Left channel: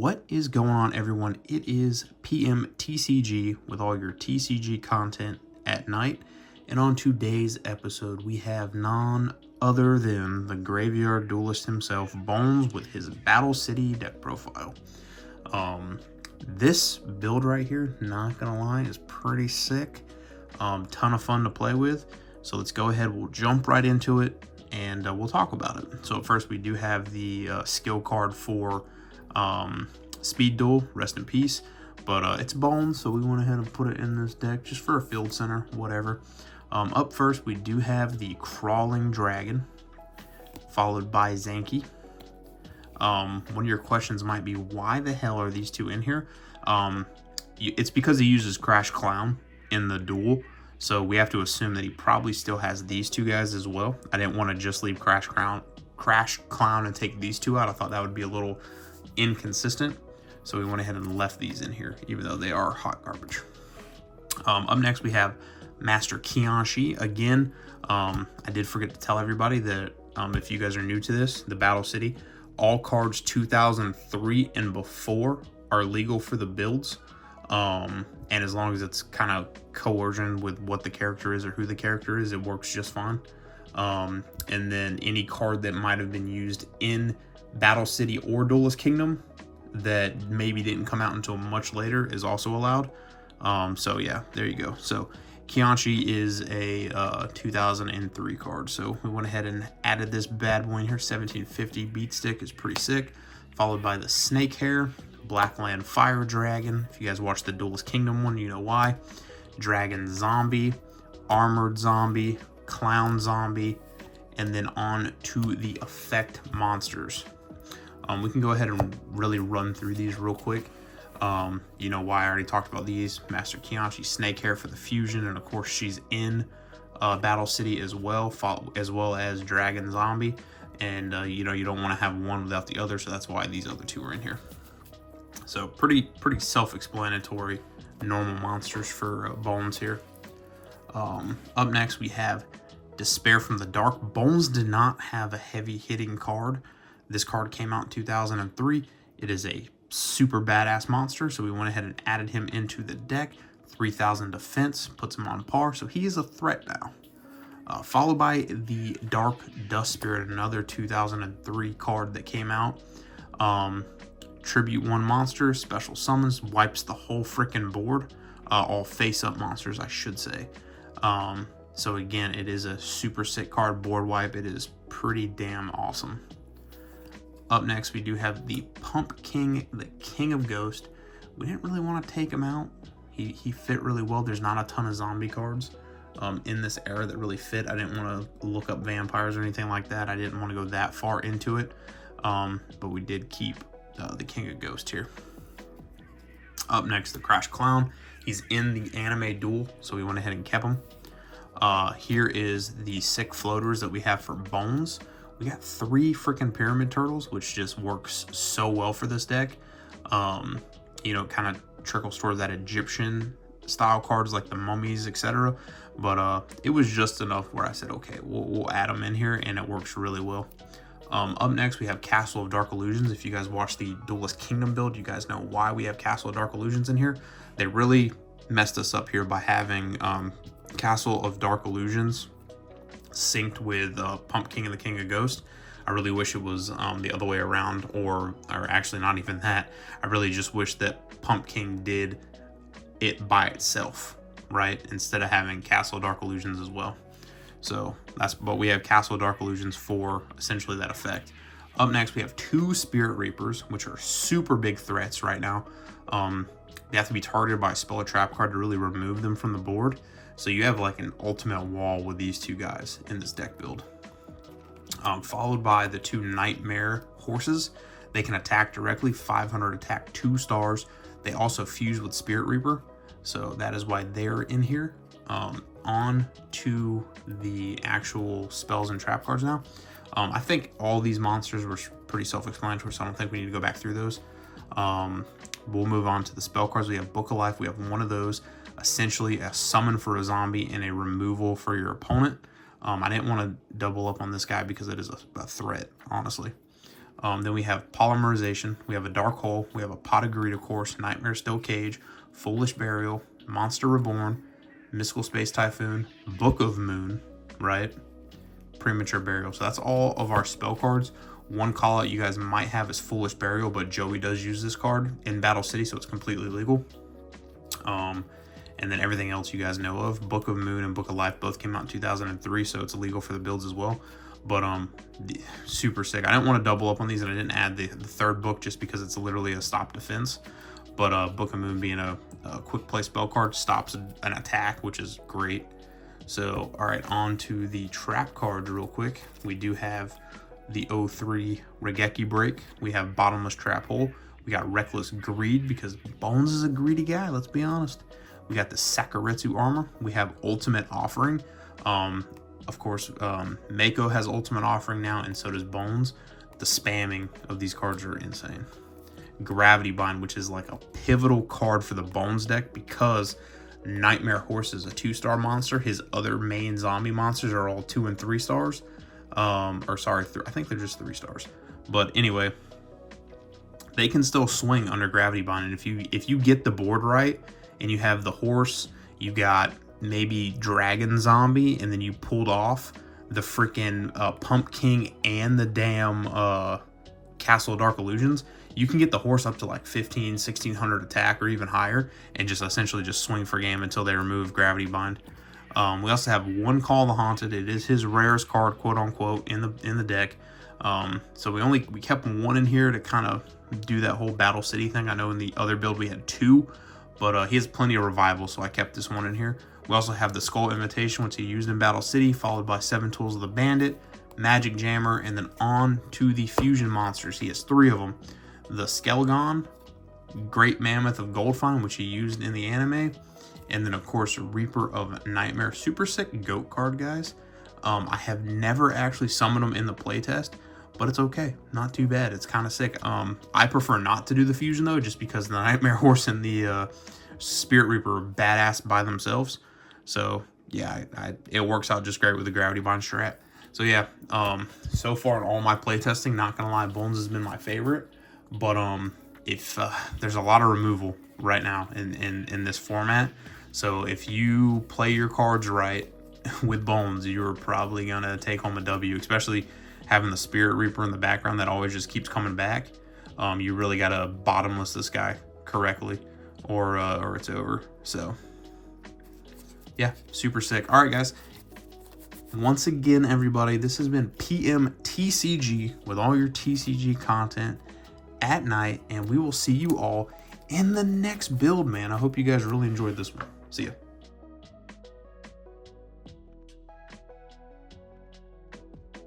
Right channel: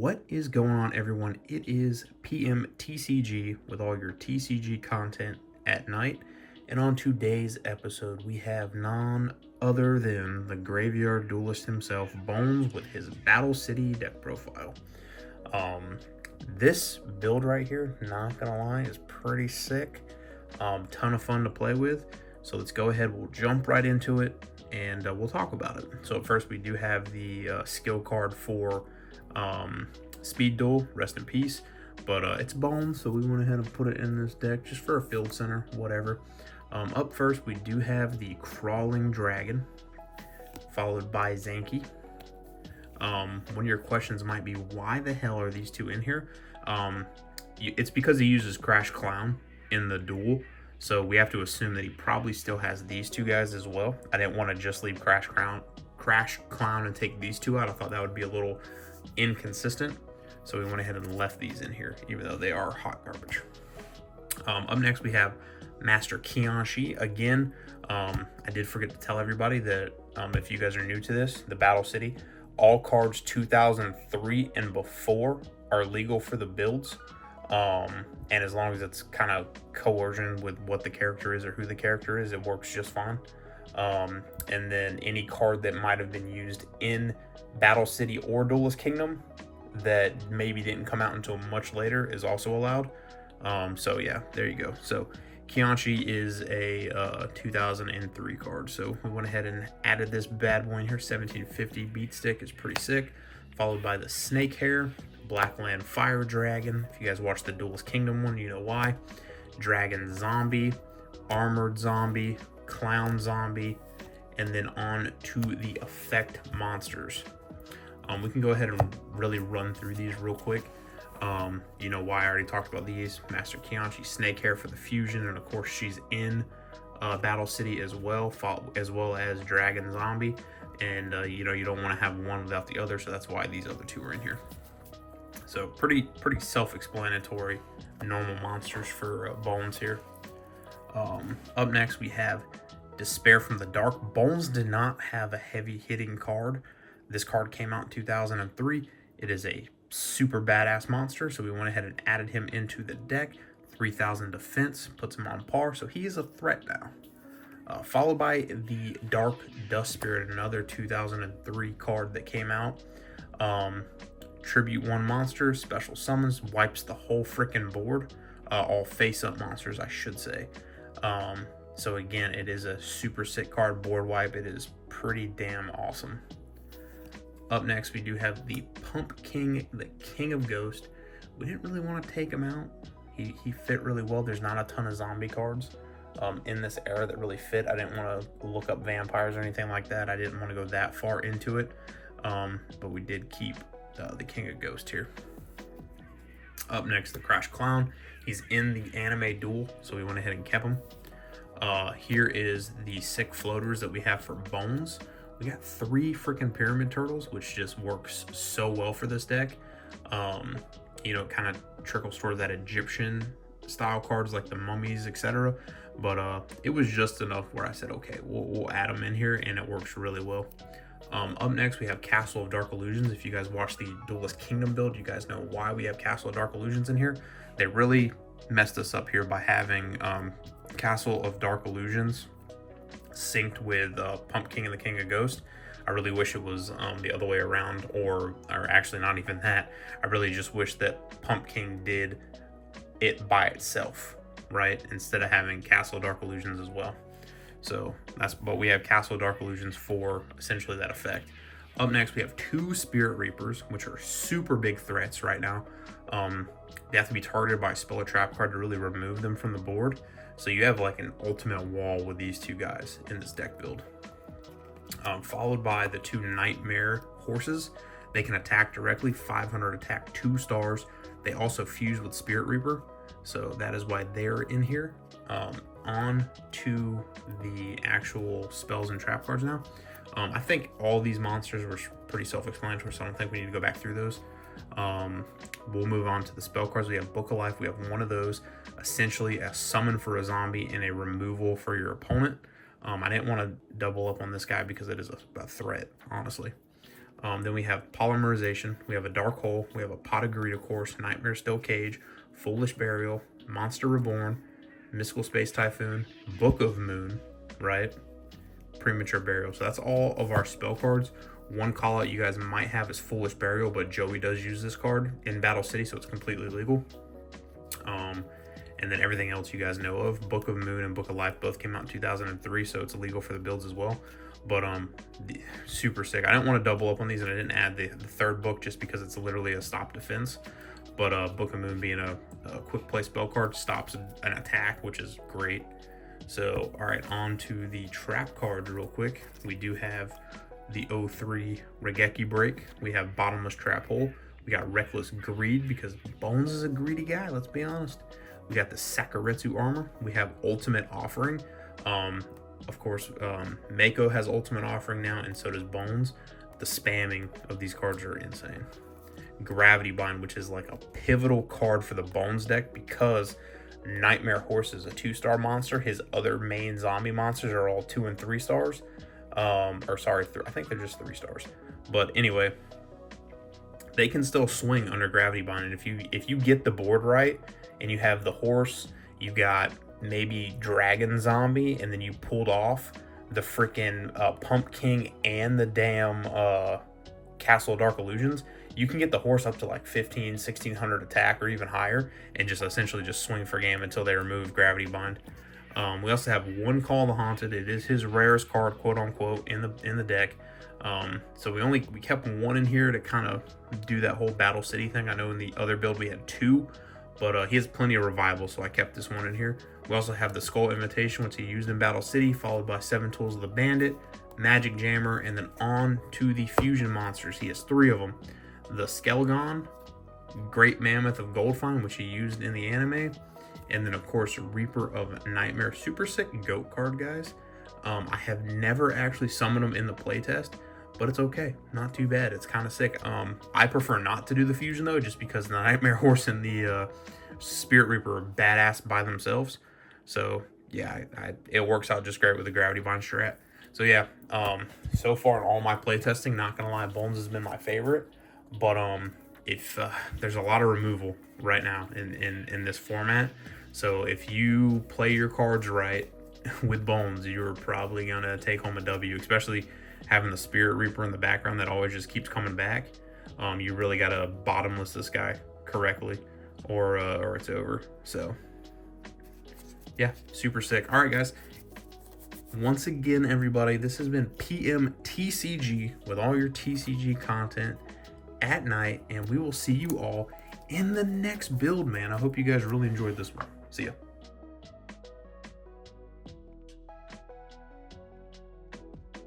What is going on, everyone? It is PM TCG with all your TCG content at night. And on today's episode, we have none other than the graveyard duelist himself, Bonz, with his Battle City deck profile. This build right here, not gonna lie, is pretty sick. Ton of fun to play with. So let's go ahead, we'll jump right into it, and we'll talk about it. So first, we do have the skill card for Speed Duel, rest in peace, but it's Bonz, so we went ahead and put it in this deck just for a field center, whatever. Up first, we do have the Crawling Dragon, followed by Zanky. One of your questions might be, why the hell are these two in here? It's because he uses Crash Clown in the duel, so we have to assume that he probably still has these two guys as well. I didn't want to just leave Crash Clown and take these two out. I thought that would be a little inconsistent, so we went ahead and left these in here, even though they are hot garbage. Up next, we have Master Kianshi. Again, I did forget to tell everybody that if you guys are new to this, the Battle City, all cards 2003 and before are legal for the builds, and as long as it's kind of coercion with what the character is or who the character is, it works just fine. And then any card that might have been used in Battle City or Duelist Kingdom that maybe didn't come out until much later is also allowed. So yeah, there you go. So Kianshi is a 2003 card, so we went ahead and added this bad boy in here. 1750 beat stick is pretty sick, followed by the Snake Hair, Blackland Fire Dragon. If you guys watched the Duelist Kingdom one, you know why. Dragon Zombie, Armored Zombie, Clown Zombie, and then on to the effect monsters. We can go ahead and really run through these real quick. You know why I already talked about these. Master Kianshi, Snake Hair for the fusion, and of course she's in Battle City as well as Dragon Zombie. And you know, you don't want to have one without the other, so that's why these other two are in here. So pretty self-explanatory, normal monsters for Bonz here. Up next, we have Despair from the Dark. Bonz did not have a heavy hitting card. This card came out in 2003. It is a super badass monster, so we went ahead and added him into the deck. 3000 defense, puts him on par, so he is a threat now. Followed by the Dark Dust Spirit, another 2003 card that came out. Tribute one monster, special summons, wipes the whole freaking board. All face-up monsters, I should say. So again, it is a super sick card, board wipe. It is pretty damn awesome. Up next, we do have the Pump King, the King of Ghost. We didn't really want to take him out. He fit really well. There's not a ton of zombie cards in this era that really fit. I didn't want to look up vampires or anything like that. I didn't want to go that far into it. But we did keep the King of Ghost here. Up next, the Crash Clown. He's in the anime duel, so we went ahead and kept him. Here is the sick floaters that we have for Bonz. We got 3 freaking Pyramid Turtles, which just works so well for this deck. You know, kind of trickles toward that Egyptian style cards like the mummies, etc. But it was just enough where I said, okay, we'll add them in here, and it works really well. Up next, we have Castle of Dark Illusions. If you guys watch the Duelist Kingdom build, you guys know why we have Castle of Dark Illusions in here. They really messed us up here by having Castle of Dark Illusions synced with Pump King and the King of Ghost. I really wish it was the other way around, or actually not even that. I really just wish that Pump King did it by itself, right? Instead of having Castle of Dark Illusions as well. So that's what we have, Castle of Dark Illusions for essentially that effect. Up next, we have 2 Spirit Reapers, which are super big threats right now. They have to be targeted by a spell or trap card to really remove them from the board. So you have like an ultimate wall with these 2 guys in this deck build. Followed by the 2 Nightmare Horses. They can attack directly, 500 attack, 2 stars. They also fuse with Spirit Reaper, so that is why they're in here. On to the actual spells and trap cards now. I think all these monsters were pretty self-explanatory, so I don't think we need to go back through those. We'll move on to the spell cards. We have Book of Life. We have one of those, essentially a summon for a zombie and a removal for your opponent. I didn't want to double up on this guy because it is a threat, honestly. Then we have Polymerization, we have a Dark Hole, we have a Pot of Greed, of course, Nightmare Still Cage, Foolish Burial, Monster Reborn, Mystical Space Typhoon, Book of Moon, right? Premature Burial. So that's all of our spell cards. One call out you guys might have is Foolish Burial, but Joey does use this card in Battle City, so it's completely legal. And then everything else you guys know of. Book of Moon and Book of Life both came out in 2003, so it's illegal for the builds as well. But super sick. I didn't want to double up on these, and I didn't add the third book just because it's literally a stop defense. But Book of Moon being a quick play spell card stops an attack, which is great. So, all right, on to the trap cards real quick. We do have the 03 Regeki Break. We have Bottomless Trap Hole. We got Reckless Greed because Bonz is a greedy guy, let's be honest. We got the Sakuretsu Armor. We have Ultimate Offering. Of course, Mako has Ultimate Offering now, and so does Bonz. The spamming of these cards are insane. Gravity Bind, which is like a pivotal card for the Bonz deck because Nightmare Horse is a 2-star monster. His other main zombie monsters are all 2 and 3 stars. Or sorry, I think they're just 3 stars. But anyway, they can still swing under Gravity Bind, and if you get the board right and you have the horse, you got maybe Dragon Zombie, and then you pulled off the freaking Pump King and the damn Castle of Dark Illusions, you can get the horse up to like 1600 attack or even higher, and just essentially just swing for game until they remove Gravity Bind. We also have one Call of the Haunted. It is his rarest card, quote unquote, in the deck. So we kept one in here to kind of do that whole Battle City thing. I know in the other build we had 2, but he has plenty of revival, so I kept this one in here. We also have the Skull Invitation, which he used in Battle City, followed by 7 Tools of the Bandit, Magic Jammer, and then on to the fusion monsters. He has 3 of them. The Skelgon, Great Mammoth of Goldfine, which he used in the anime, and then of course Reaper of Nightmare. Super sick goat card, guys. I have never actually summoned them in the playtest, but it's okay, not too bad. It's kind of sick. I prefer not to do the fusion though, just because the Nightmare Horse and the Spirit Reaper are badass by themselves. So yeah, it works out just great with the Gravity Bind strat. So yeah, so far in all my playtesting, not gonna lie, Bonz has been my favorite. But if there's a lot of removal right now in this format, so if you play your cards right with Bonz, you're probably gonna take home a W, especially having the Spirit Reaper in the background that always just keeps coming back. You really gotta bottomless this guy correctly, or it's over. So yeah, super sick. All right, guys. Once again, everybody, this has been PM TCG with all your TCG content at night, and we will see you all in the next build, man. I hope you guys really enjoyed this one. See ya.